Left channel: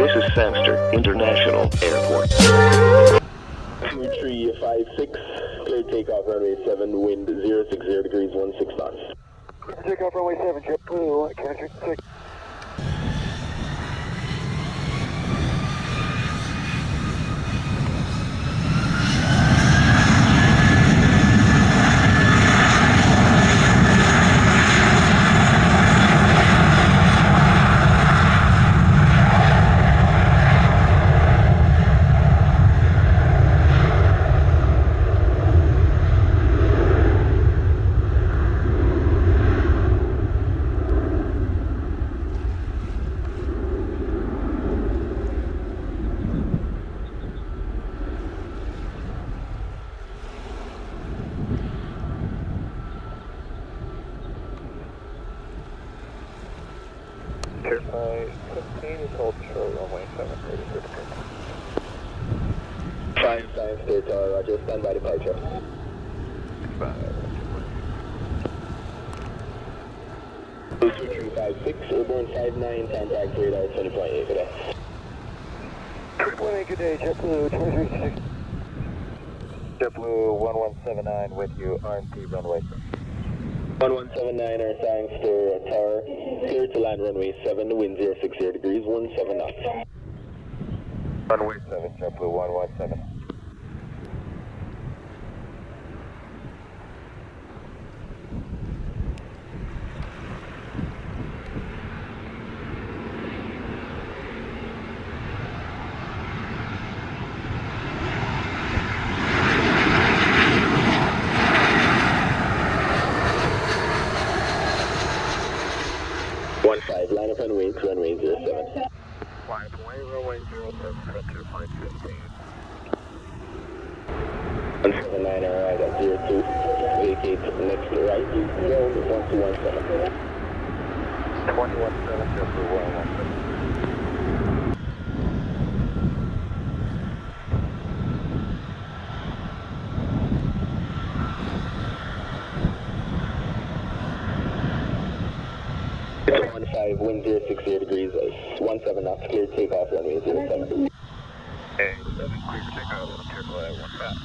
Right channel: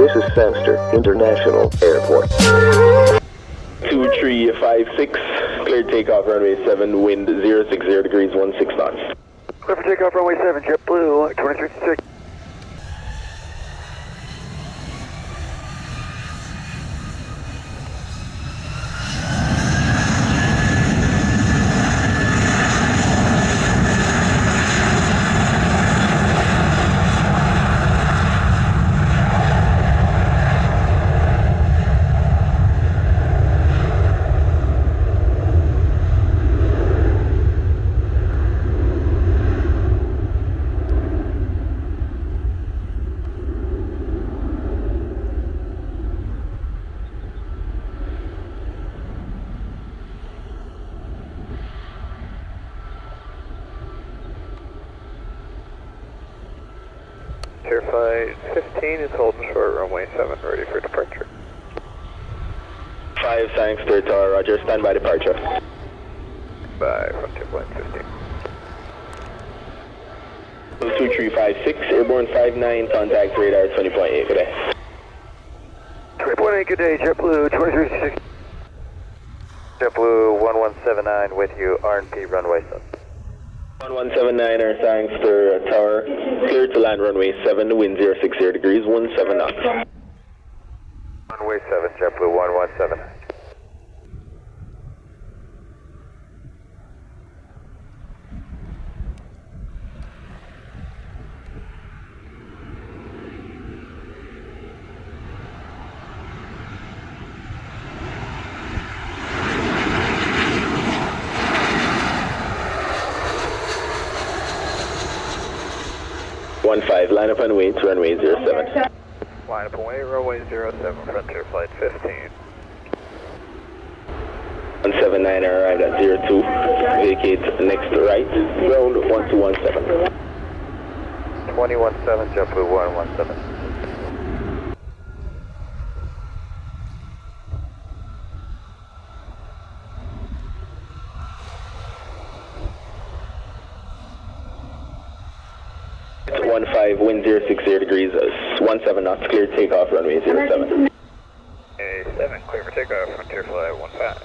This is Sangster International Airport. 2356, cleared takeoff runway 7, wind 060 degrees, 16 knots. Clear for takeoff runway 7, JetBlue, 2356. Flight 15 is holding short, runway 7, ready for departure. 5 Sangster Tower, roger, stand by departure. Bye, Frontier Flight 15. 2356, airborne 59, contact radar 20.8, good day. 20.8, good day, JetBlue, 2356. JetBlue 1179 with you, R&P runway 7. 1179 or Sangster Tower, cleared to land runway 7, wind 060 degrees, 17 knots. Runway 7, JetBlue 1179. Line up and wait, runway 07. Line up and wait, runway 07, Frontier Flight 15. 179 arrived at 02, vacate next right, ground 1217. 217, JetBlue 117. It's 15, wind 060 degrees, 17 knots, clear takeoff, runway 07. A7, clear for takeoff, Frontier Flight 15.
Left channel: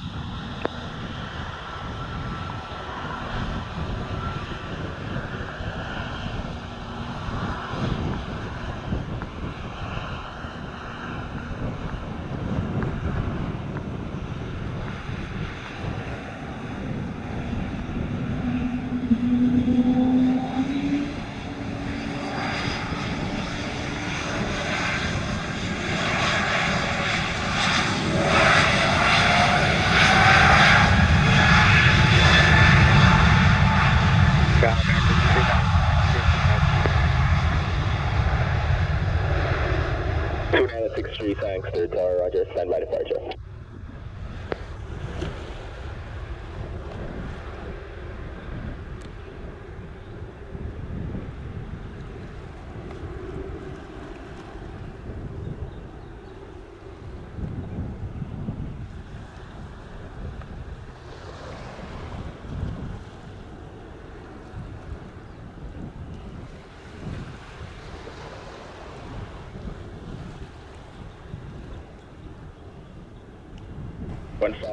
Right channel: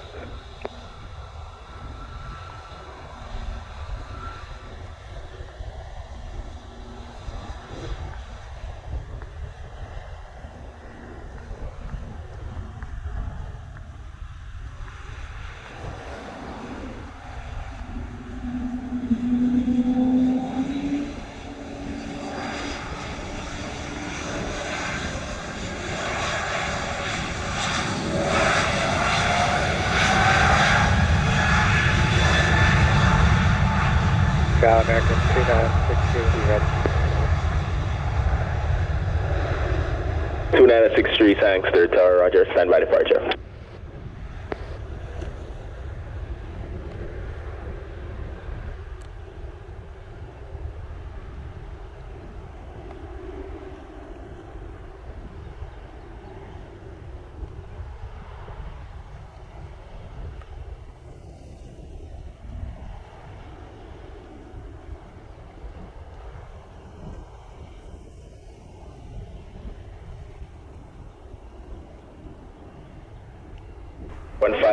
American 2963 Sangster Tower, roger, stand by departure.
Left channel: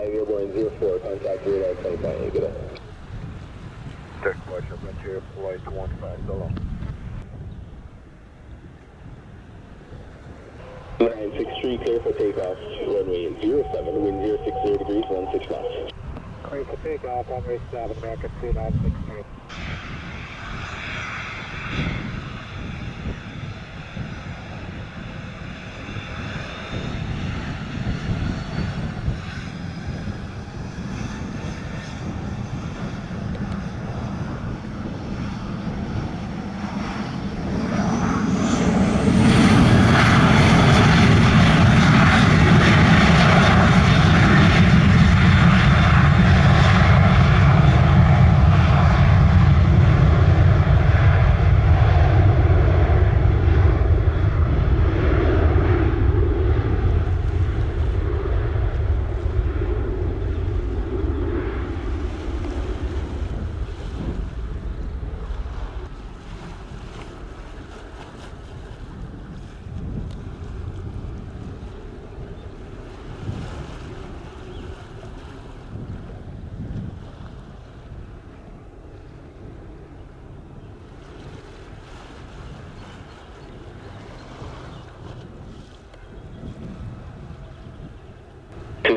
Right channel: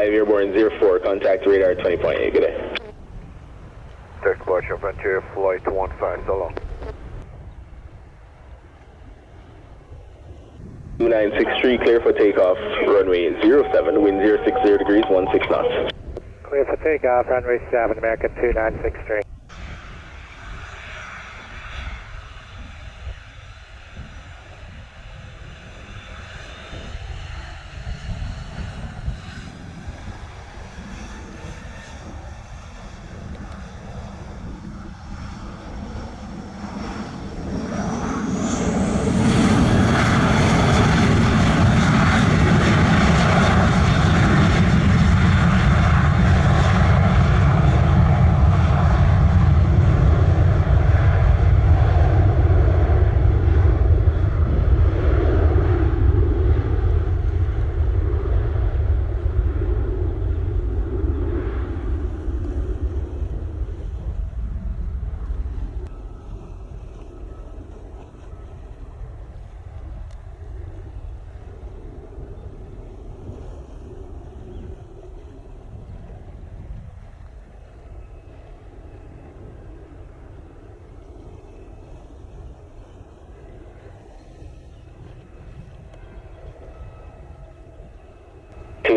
Airborne 04, contact radar 20.8, good day. Direct departure, Frontier Flight 15, so long. 2963, clear for takeoff, runway 07, wind 060 degrees, 16 knots. Clear for takeoff, runway 7, American 2963.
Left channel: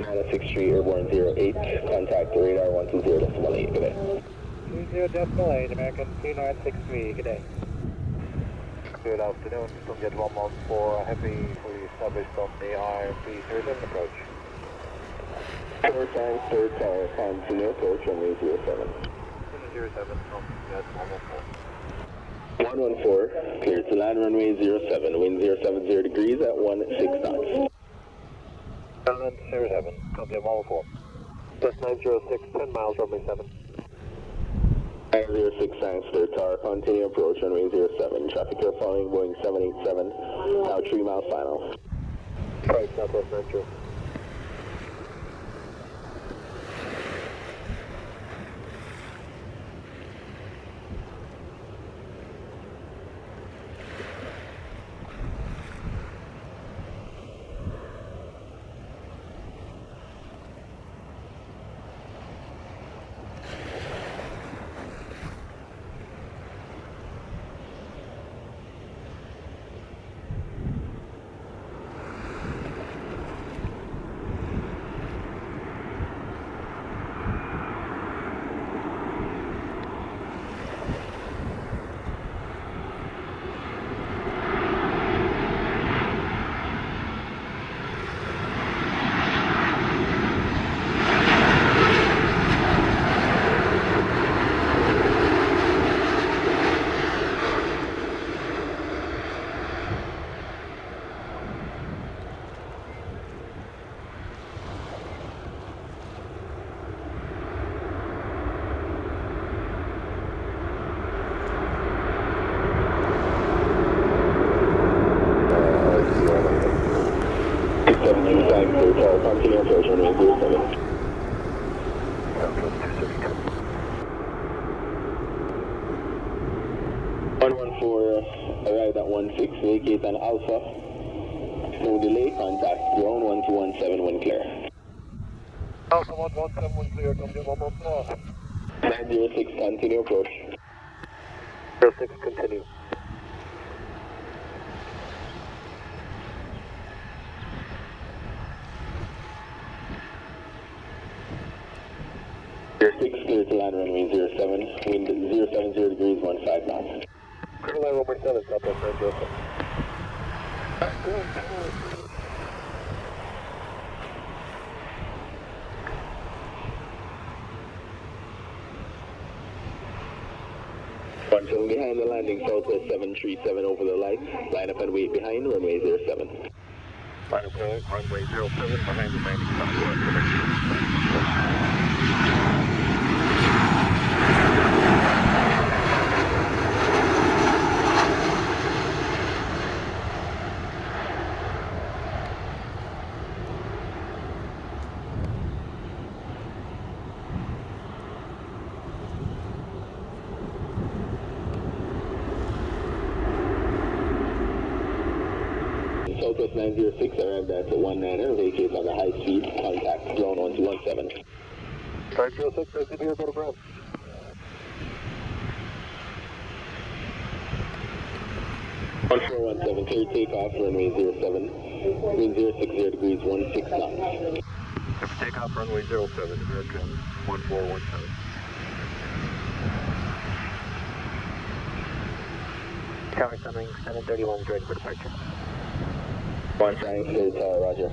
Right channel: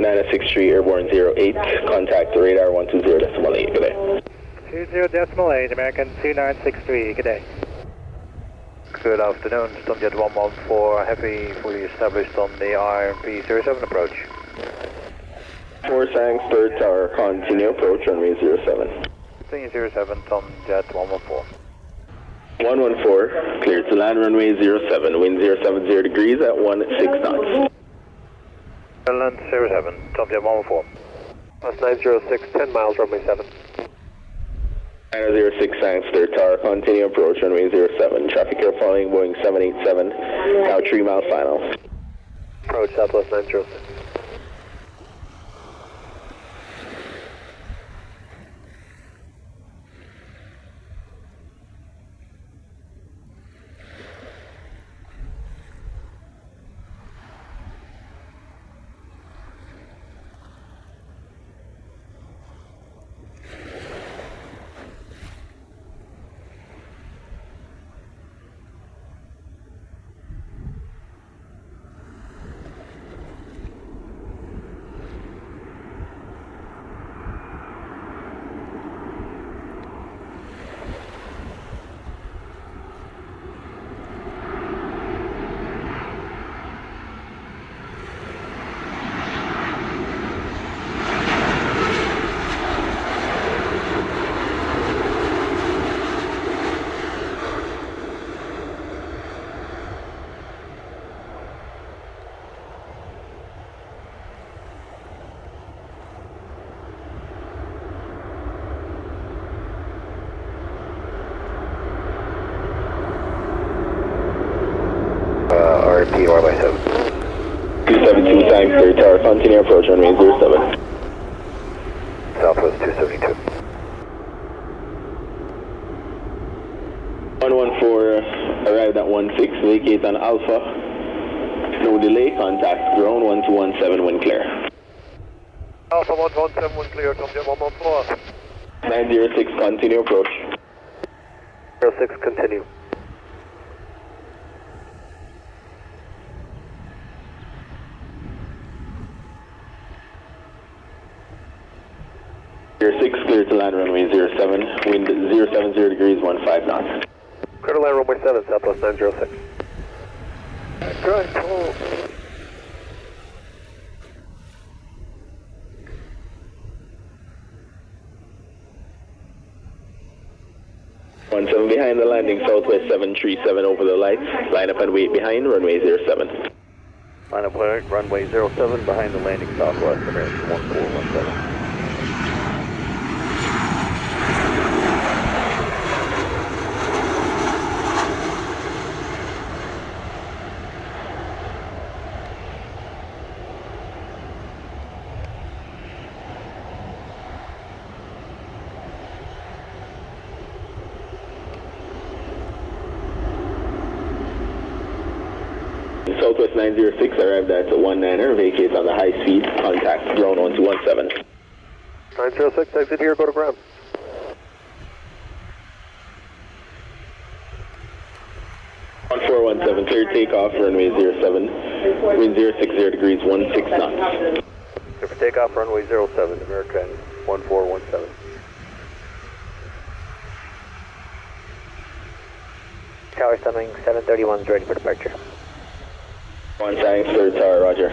963 Airborne 08, contact radar 120.8, good day. 20.8, American 2963, good day. Good afternoon, Sunjet 114 Heavy, fully established on the RMP 07 approach. 4 Sangster Tower, continue approach runway 07. 07, Sunjet 114. 114, cleared to land runway 07, wind 070 degrees at 16 knots. Land 07, Sunjet 114. Plus 906, 10 miles, runway 7. 906 Sangster Tower, continue approach runway 07. Traffic here following Boeing 787, now 3 miles final. Approach Southwest 906. Continue approach runway 07. Southwest 272. 114, arrived at 16, vacate on Alpha. No delay, contact ground 1217 when clear. Alpha 117, when clear, Sunjet 114. 906, continue approach. 06, continue. Air 6, clear to land runway 07, wind 070 degrees 15 knots. Clear to land runway 7, Southwest 906. Right, 17 behind the landing, Southwest 737 over the lights. Line up and wait behind, runway 07. Line up runway 07 behind the landing, Southwest, American 1417. Southwest 906 arrived at 19er, vacate on the high speed, contact ground 1217. 906, exit here, go to ground. One 417, clear takeoff, runway 07, wind 060 degrees 16 knots. Clear for takeoff, runway 07, American 1417. Tower Sunwing 731 is ready for departure. 1 Sangster Tower, roger.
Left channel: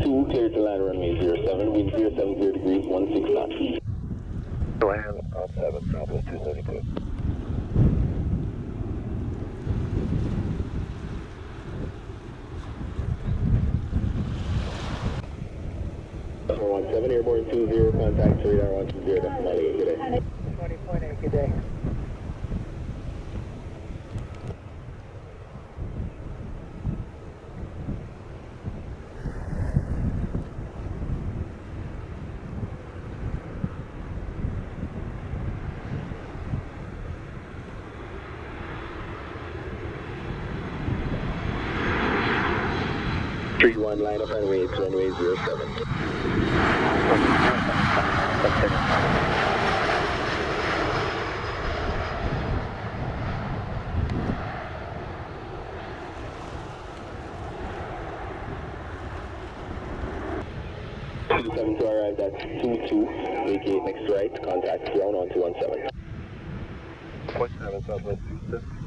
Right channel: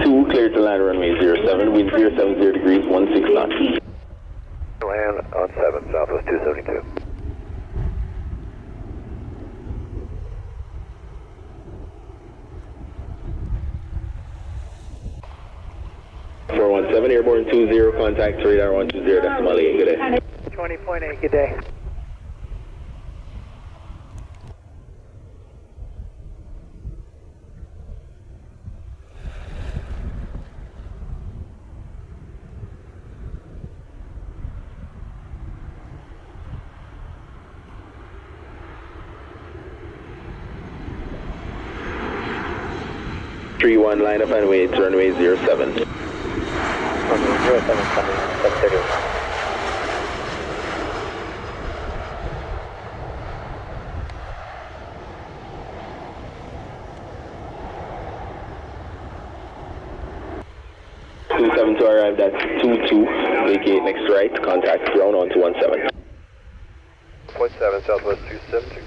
Two, clear to land runway 07, wind 070 degrees 16 knots. Land on 7, Southwest 272. 417, airborne 20, contact radar 120, decimal 8, good day. 20.8, good day. One line up and wait, runway 07. Runway 07, coming, 731. To arrive, that's 22, vacate next right, contact ground on 217. 0.7, Southwest 272.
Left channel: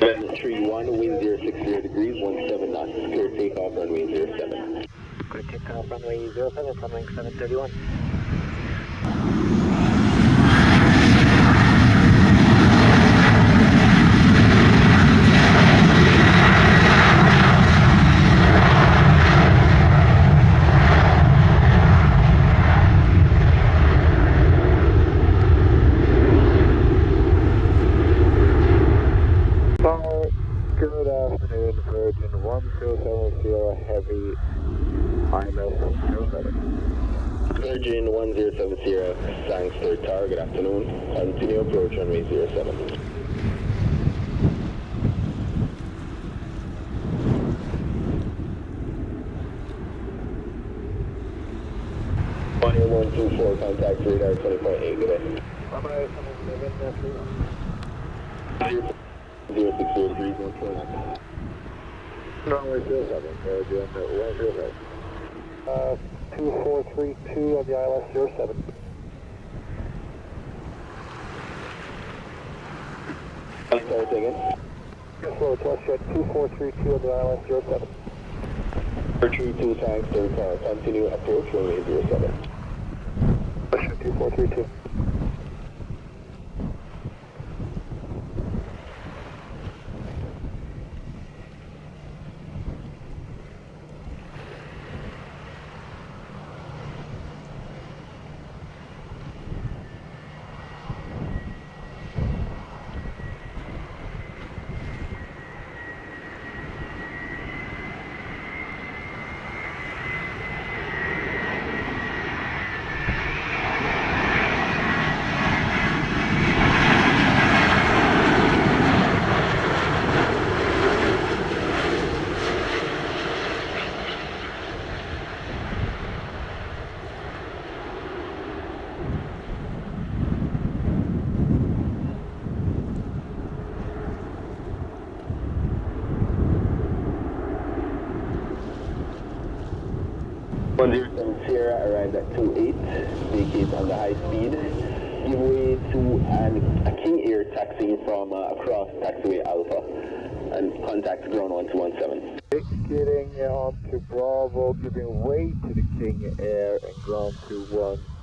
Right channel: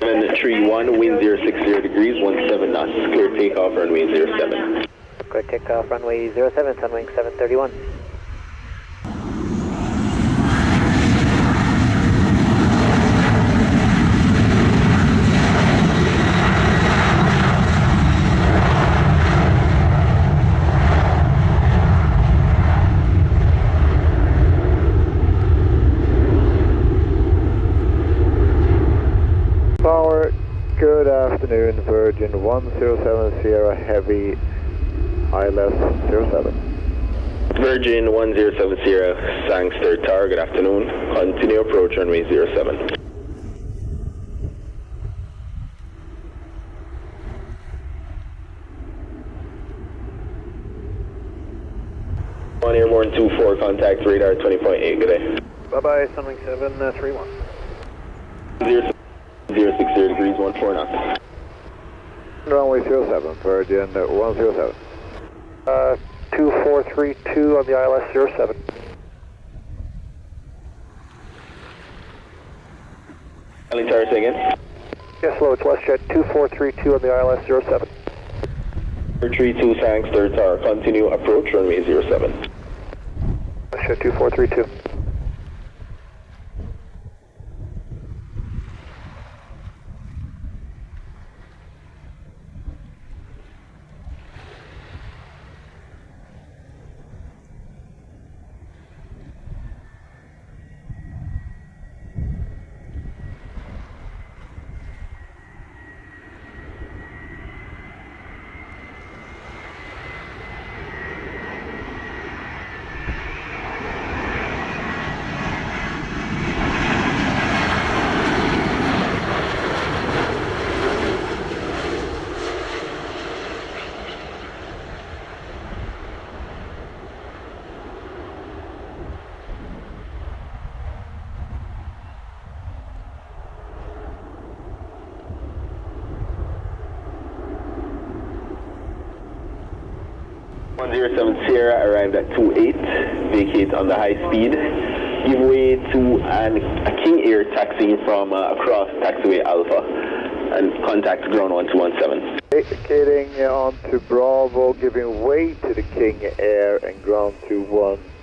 Then 31, wind 060 degrees, 17 knots, clear takeoff, runway 07. Clear takeoff, runway 07, Sunwing 731. Good afternoon, Virgin 107 Sierra Heavy, ILS 07. Virgin 107 Sierra, Sangster Tower, good afternoon. Continue approach runway 07. One airborne 24, contact radar 20.8, good day. Bye-bye, Sunwing 731. 060 degrees, 14 knots. Runway 07, Virgin 107. 2432 on the ILS 07. Charlie Tower, say again. Yes, hello, it's WestJet 2432 on the ILS 07. 432 Sangster Tower, continue approach runway 07. WestJet 2432. Sierra arrived at 28, vacate on the high speed, give way to a King Air taxi from across taxiway Alpha and contact ground 1217. Vacating onto Bravo, giving way to the King Air and ground to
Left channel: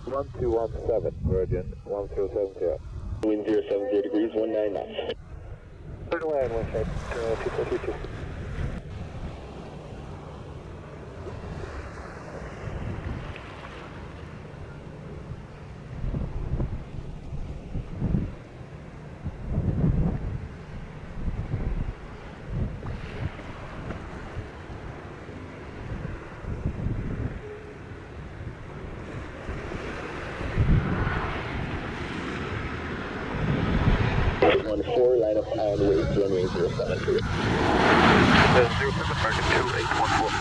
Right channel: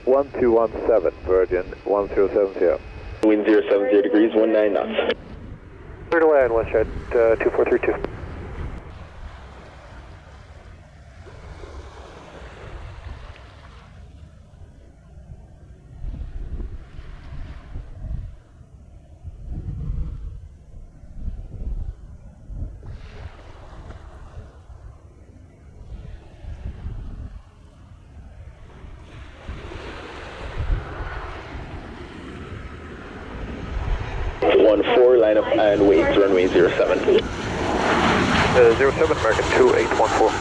1217, Virgin 1070. Wind 070 degrees, 19 knots. Clear to land, WestJet 2432. Line up and wait, runway 07. 07, American 2814.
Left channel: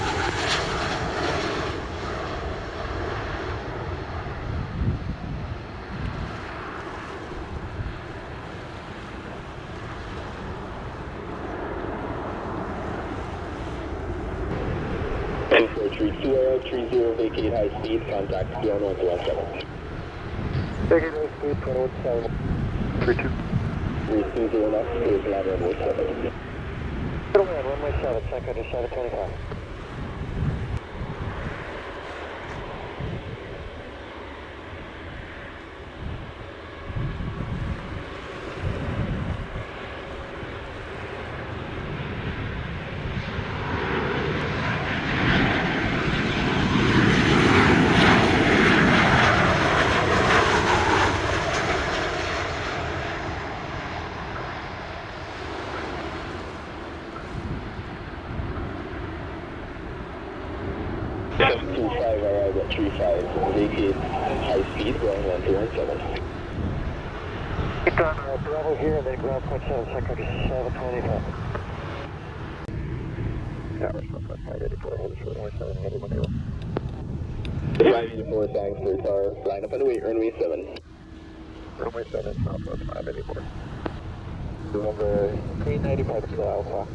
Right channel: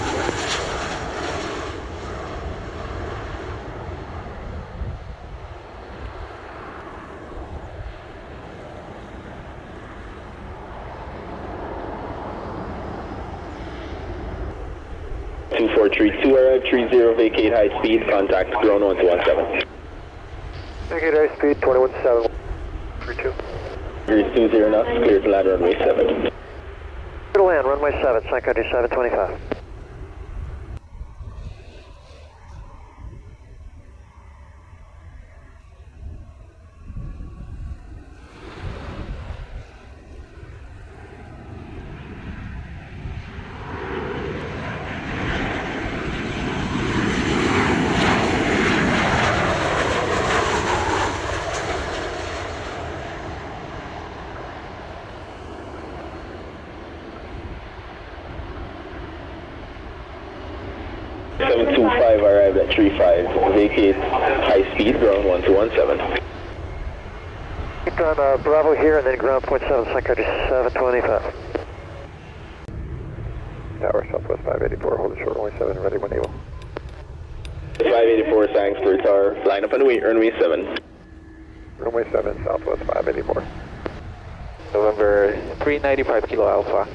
Two 432 arrive, 30 vacate high speed, contact ground 1217. Vacate high speed 217. 32. 20 knots, clear to land runway 7. Clear to land, runway 7, Sun Country 725. 725 arrived at 35. Vacate high speed, ground 1217. Keep on Bravo here and then ground point 7, Sunwing 725. Tower Southwest 584, hold short runway 7, ready when able. 584 Sangster Tower, line up and wait, runway 7. Runway 7, Southwest 584. November 395 Kilo Alpha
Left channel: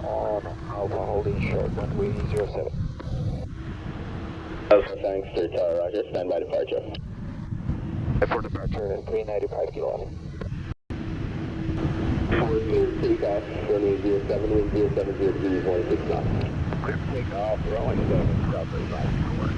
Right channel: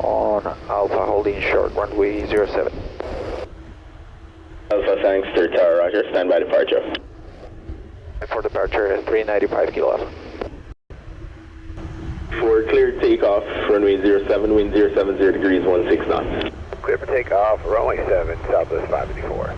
on Alpha holding short runway 07. Alpha Sangster Tower, roger, stand by departure. For departure 395 Kilo Alpha. For clear takeoff, runway 07, wind 070 degrees 16 knots. Clear for takeoff, runway 7, Southwest 584.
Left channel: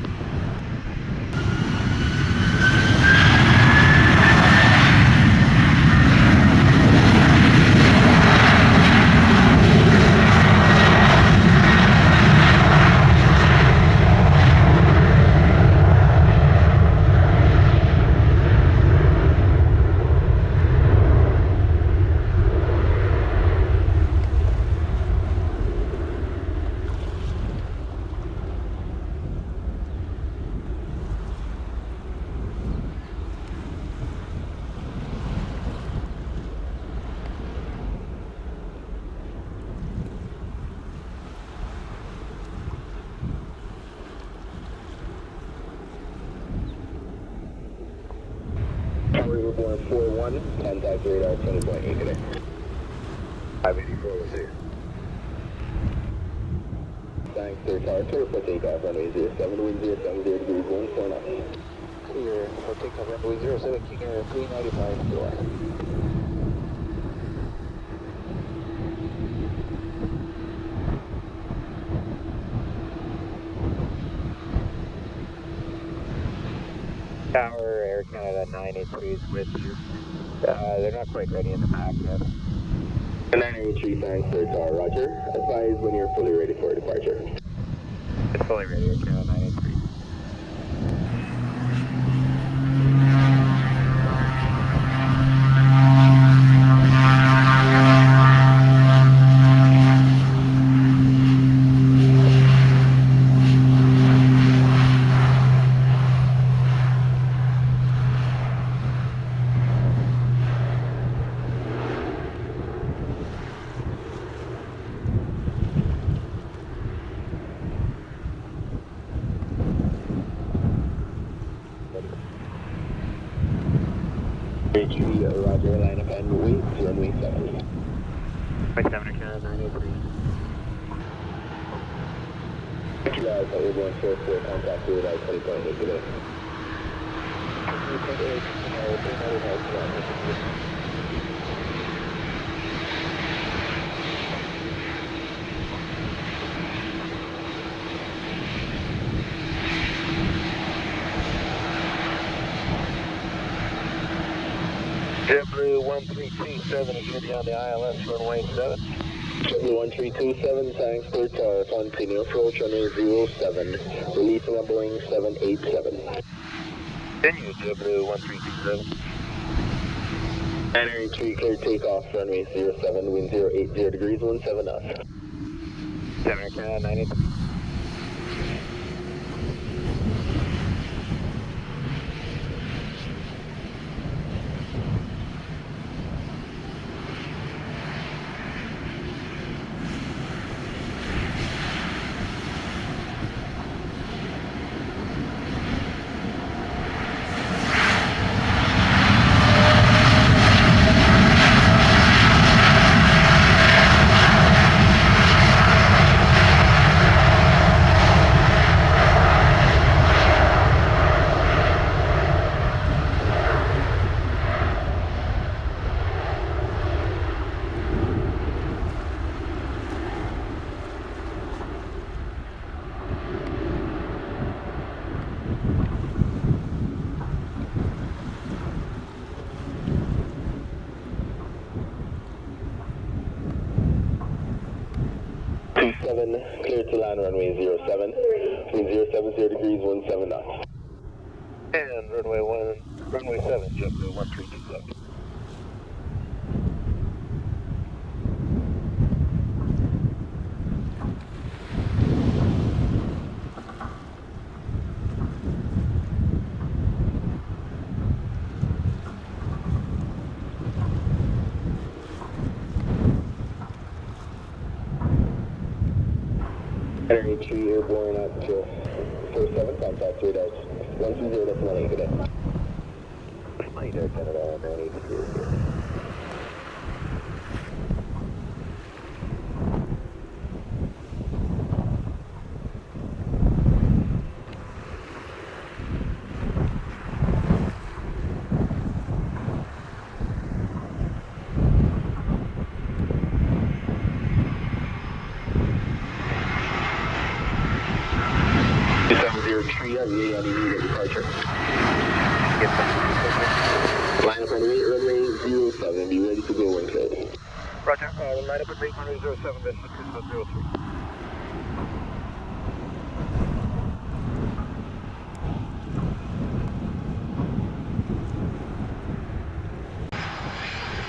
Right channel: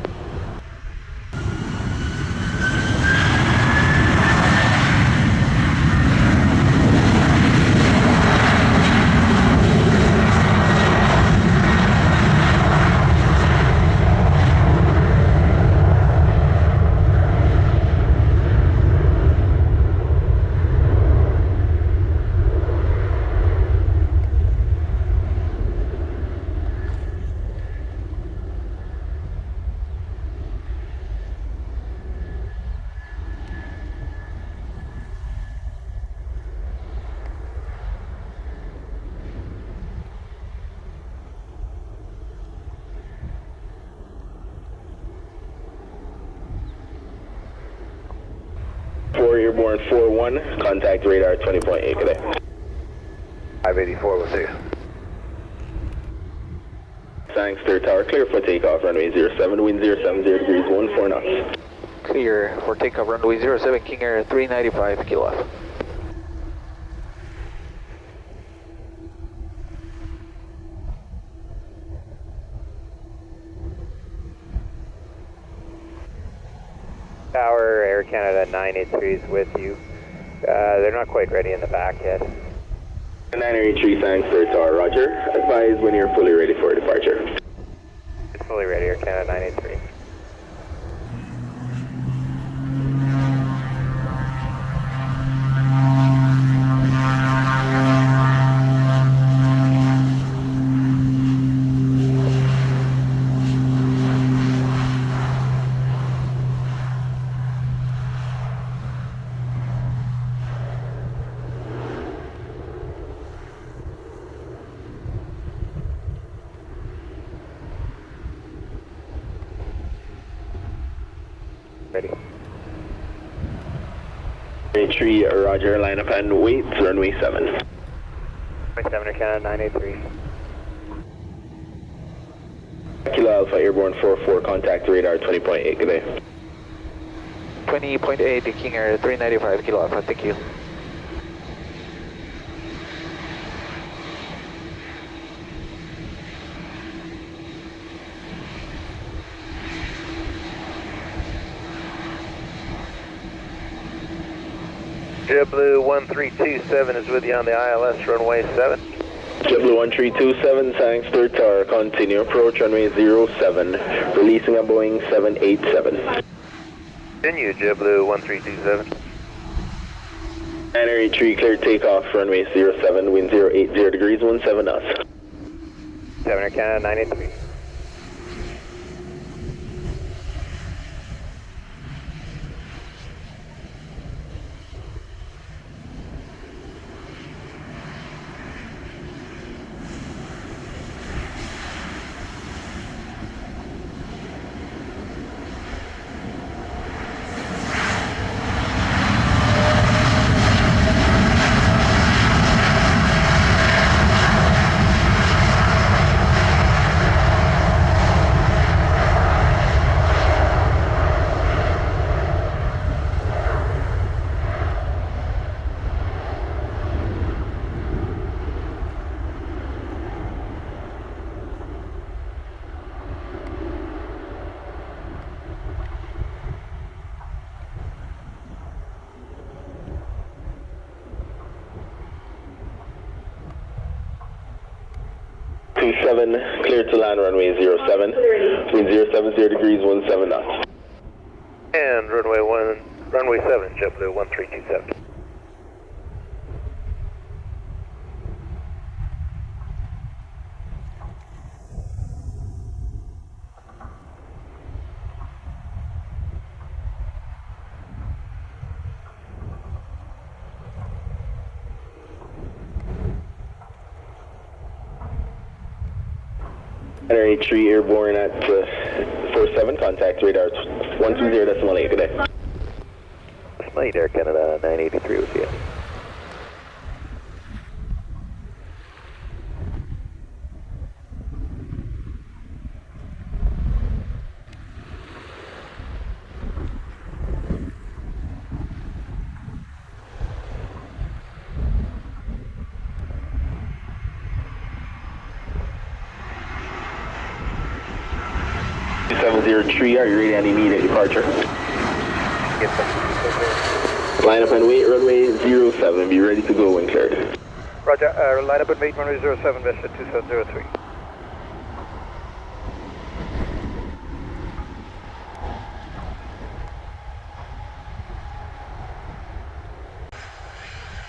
Airborne 41, contact radar 20.8 today. 584 with you. Sangster Tower, clear for takeoff, runway 07, wind 070 degrees 14 knots. Clear for takeoff runway 07 King Air 395 Kilo Alpha. Tower, Air Canada 983 is with you. They're not quite ready in the back yet. 983 Sangster Tower, roger. Advise when you're fully ready for departure. It's fully ready, Air Canada 983. Tree, roger, line up and wait, runway 7. Runway 7, Air Canada 983. Kilo Alpha, Airborne 44, contact radar 20.8, good day. 20.8 King Air 395 Kilo Alpha, thank you. JetBlue 1327 is with you on the ILS runway 7. JetBlue 1327, Sangster Tower, continue approach runway 07, releasing a Boeing 787. Continue, JetBlue 1327. 983, clear takeoff, runway 07, wind 080 degrees 17 knots. 7 Air Canada 983. Clear to land runway 07, wind 070 degrees 17 knots. And runway 7, JetBlue 1327. 83 airborne at 47, contact radar 120.8, good day. Spotting Air Canada 983 with you. Tree, are you ready on immediate departure? Line up and wait, runway 07, be ready to go when cleared. Roger, line up and wait, runway 07, WestJet 2703.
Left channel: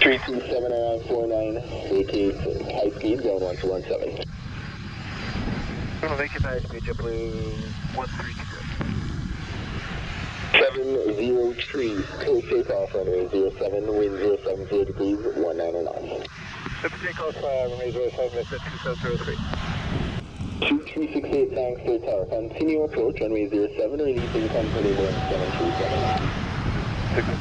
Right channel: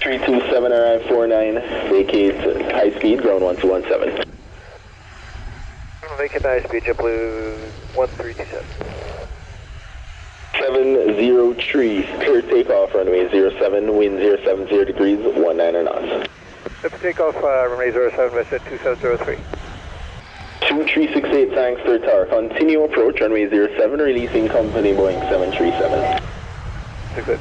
Three 27 arrive 49, vacate high speed, ground 1217. Vacant high speed, JetBlue 1327. 703, clear takeoff, runway 07, wind 070 degrees, 19 knots. Clear takeoff, runway 07, WestJet 2703. 2368 Sangster Tower, continue approach, runway 07, releasing company Boeing 737. 68.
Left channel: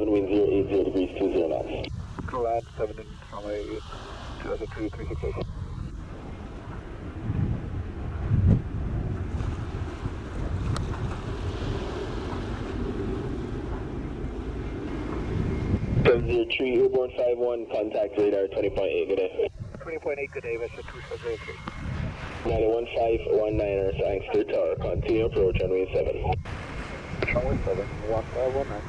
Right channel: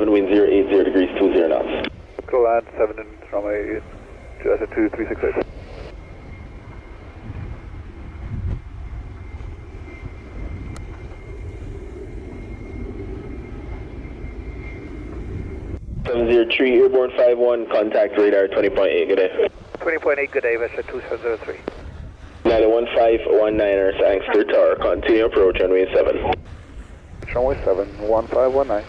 Wind 080 degrees, 20 knots. Go land 7 in runway 2368. Airborne 51, contact radar 20.8, good day. 20.8, good day, WestJet 2703. 91519er Sangster Tower, continue approach, runway 7. Runway 7, 1519.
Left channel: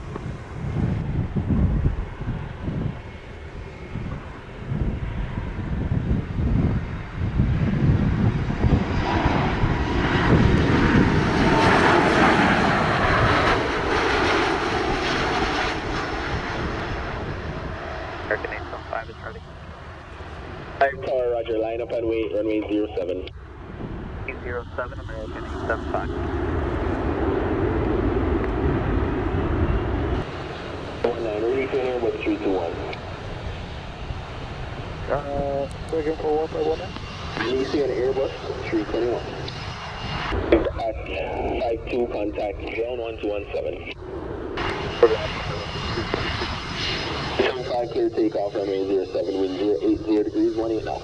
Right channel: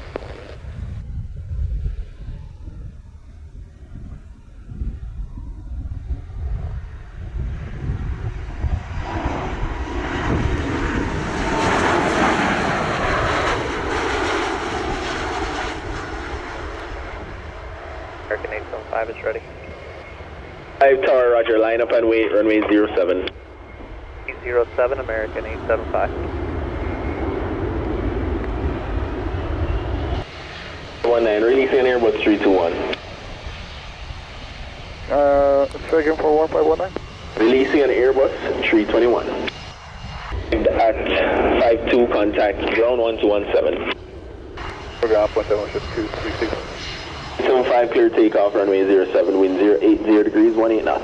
American 875 is ready. 5 Tower, roger, line up and wait, runway 07. 07, American 875. 19, releasing Airbus 321. Second for 1519. Releasing an Airbus 321. At 52, contact ground 1217. Program 176236. 75, clear takeoff, runway 07, wind 080 degrees, 18 knots.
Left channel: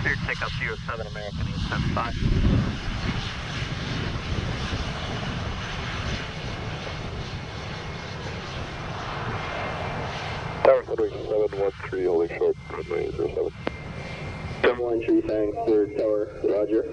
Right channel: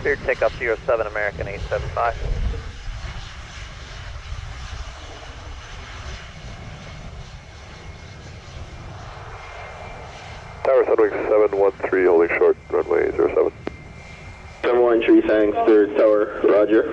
Clear takeoff 07, American 875. Tower Sunwing 713, holding short, runway 07. 713 Sangster Tower, roger.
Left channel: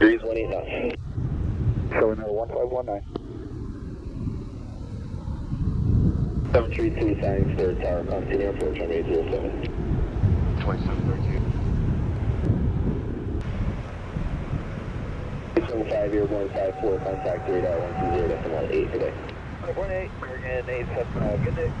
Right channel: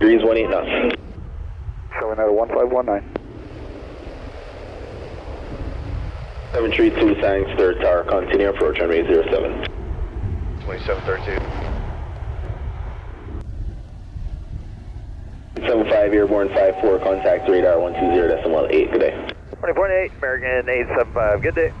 Degrees 18 knots. Showing at 1519. 732 Sangster Tower, continue approach, runway 07. 2713. 875 airborne 54, contact radar 120.8, good day. 20.8, American 875, good day.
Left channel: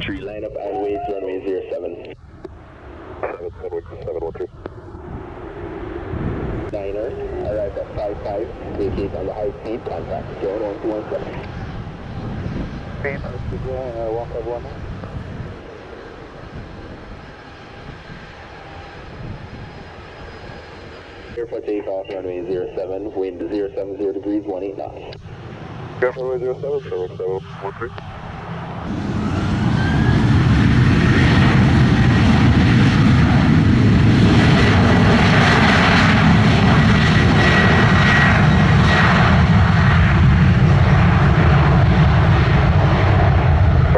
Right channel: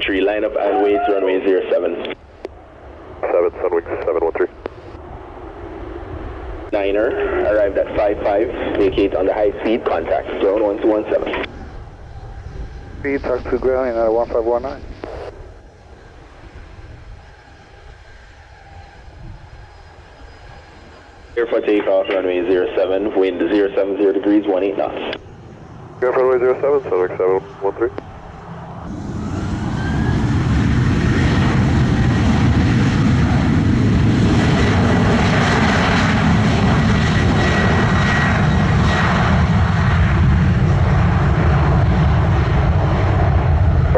Tree, line up and wait, runway 07. 7, Sunwing 713. Niner, arrived at 55, vacate on the high speed, contact zone 1217. Speed, talk to ground, United 1519. Clear for takeoff, runway 07, wind 070 degrees, 18 knots. Go for runway 07, Sunwing 713.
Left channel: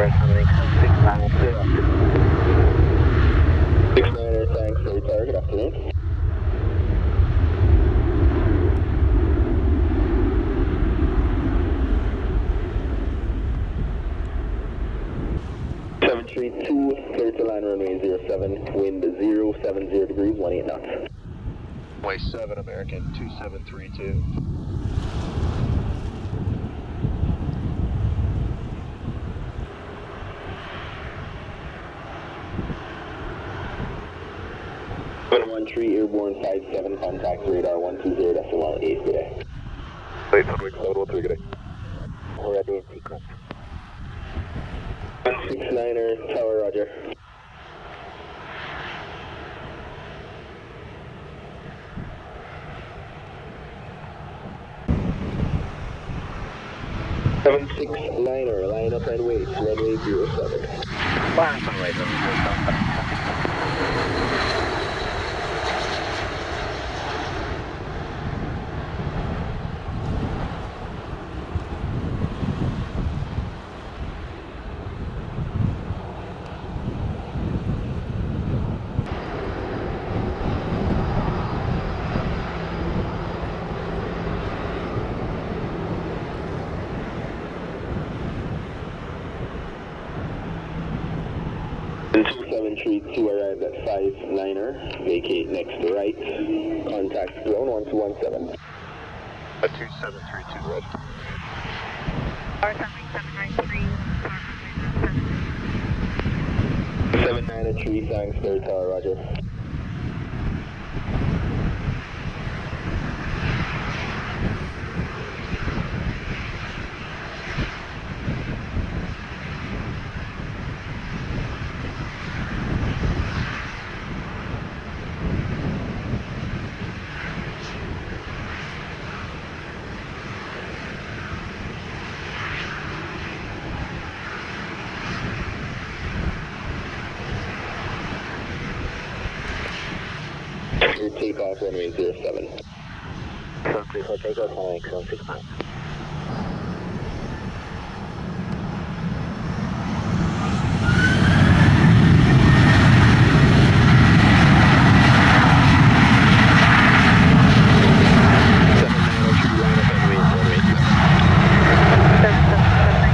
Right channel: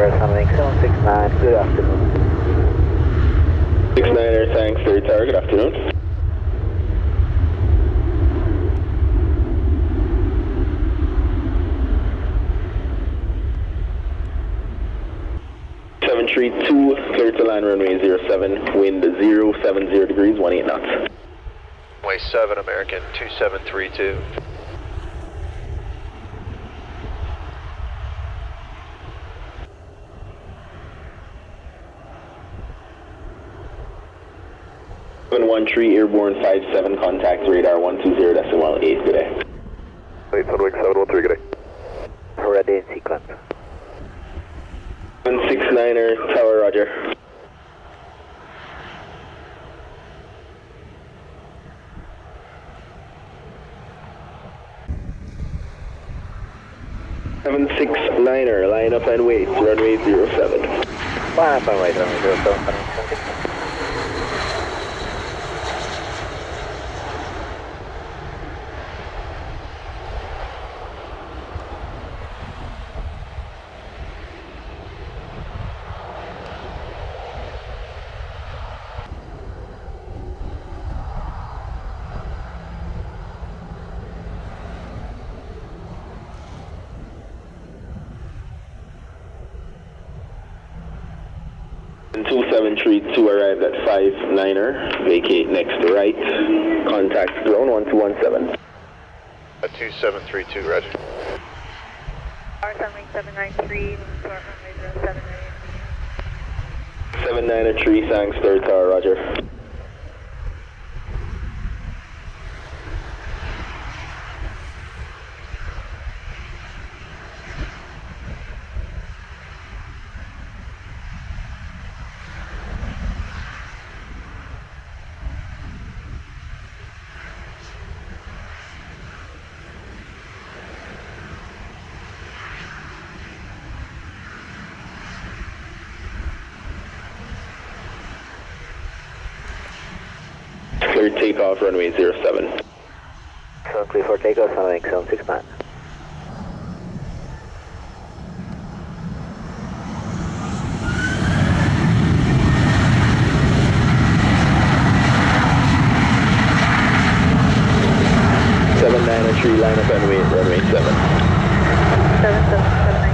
Sunwing 769, good afternoon. 69er, thanks, third tower, good afternoon. Tree 2, clear to land runway 07, wind 070 degrees, 18 knots. Runway 7, American 2732. Tree airborne 57, contact radar 120.18, good day. Late Sunwing 713, good day. Ready in sequence. 169er, tower, roger. "769er, line up and wait, runway 07. Line up and wait, runway 07, And 2732 arrived at 59er, vacate next right, contact zone 1217. 2732, roger. Sunwing 793, start runway 078. 79er tree, thanks, third tower, roger. Clear takeoff, runway 07. So clear for takeoff, Sunwing 769. Tree, line up and wait, runway 7. 7779.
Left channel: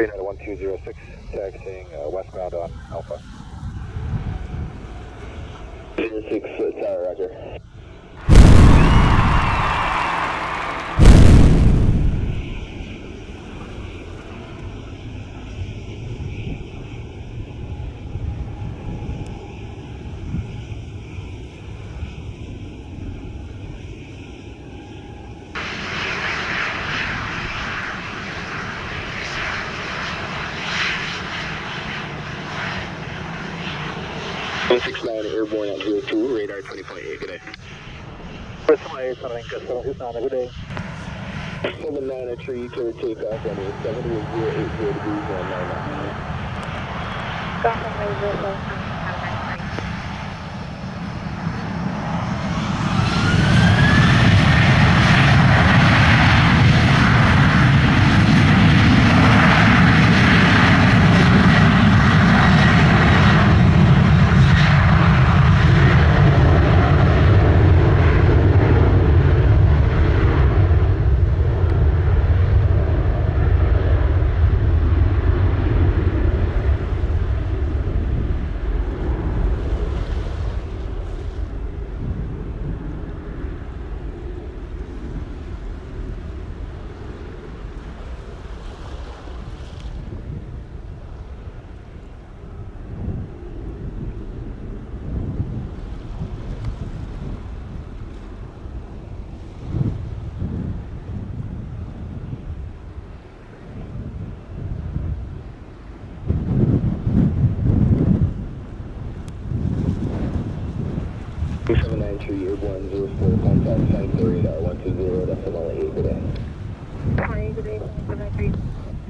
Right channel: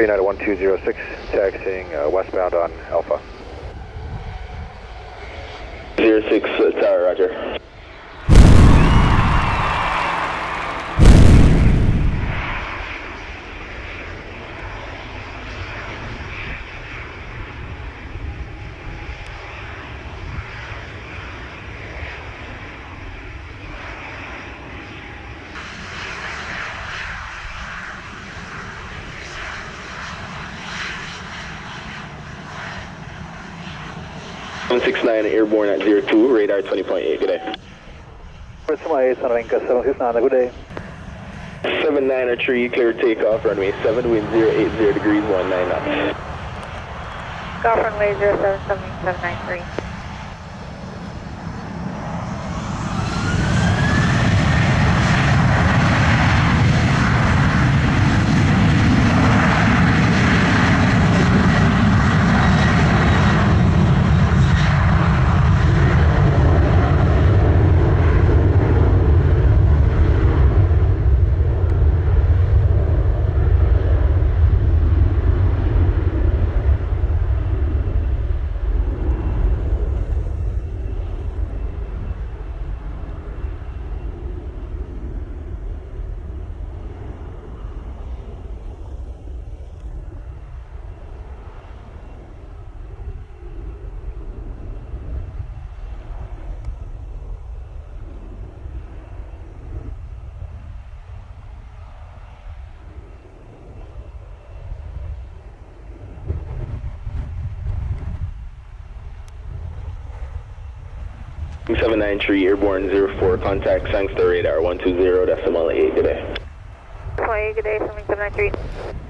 United 1206, taxiing westbound on Alpha. 06, tower, roger. "169 airborne at 02, radar 20.8, good day. Sunwing 769, good day. 79er tree, clear takeoff, runway 7, wind 080 degrees, 19 knots. Golf runway 07793. 793 airborne 04, contact Sangster radar 120.8, good day. 20, good day, Sunwing 793.